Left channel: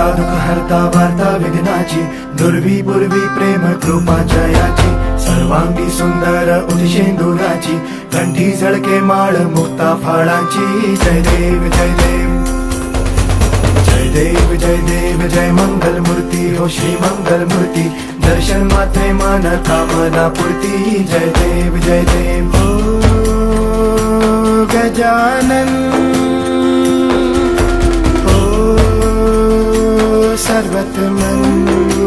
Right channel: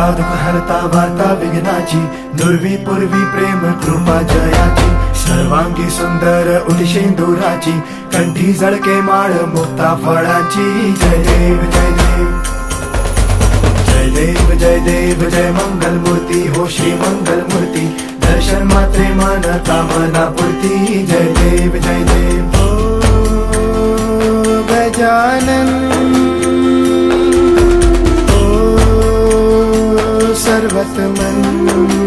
हरता दुःख हरता वार्ता विघ्नाची, दुर्वी पूर्वी प्रेम कृपा जयाची, सर्वांगी सुंदर उदिशेंदुराची, कंठी झळके माळ मुक्ता फळाची. जय देव जय देव जय देव जय देव जय मंगल मूर्ती हो श्री मंगल मूर्ती, दर्शन मात्रे मन कामना पूर्ती. जय देव जय देव हो गजानन हो सर्वतमन.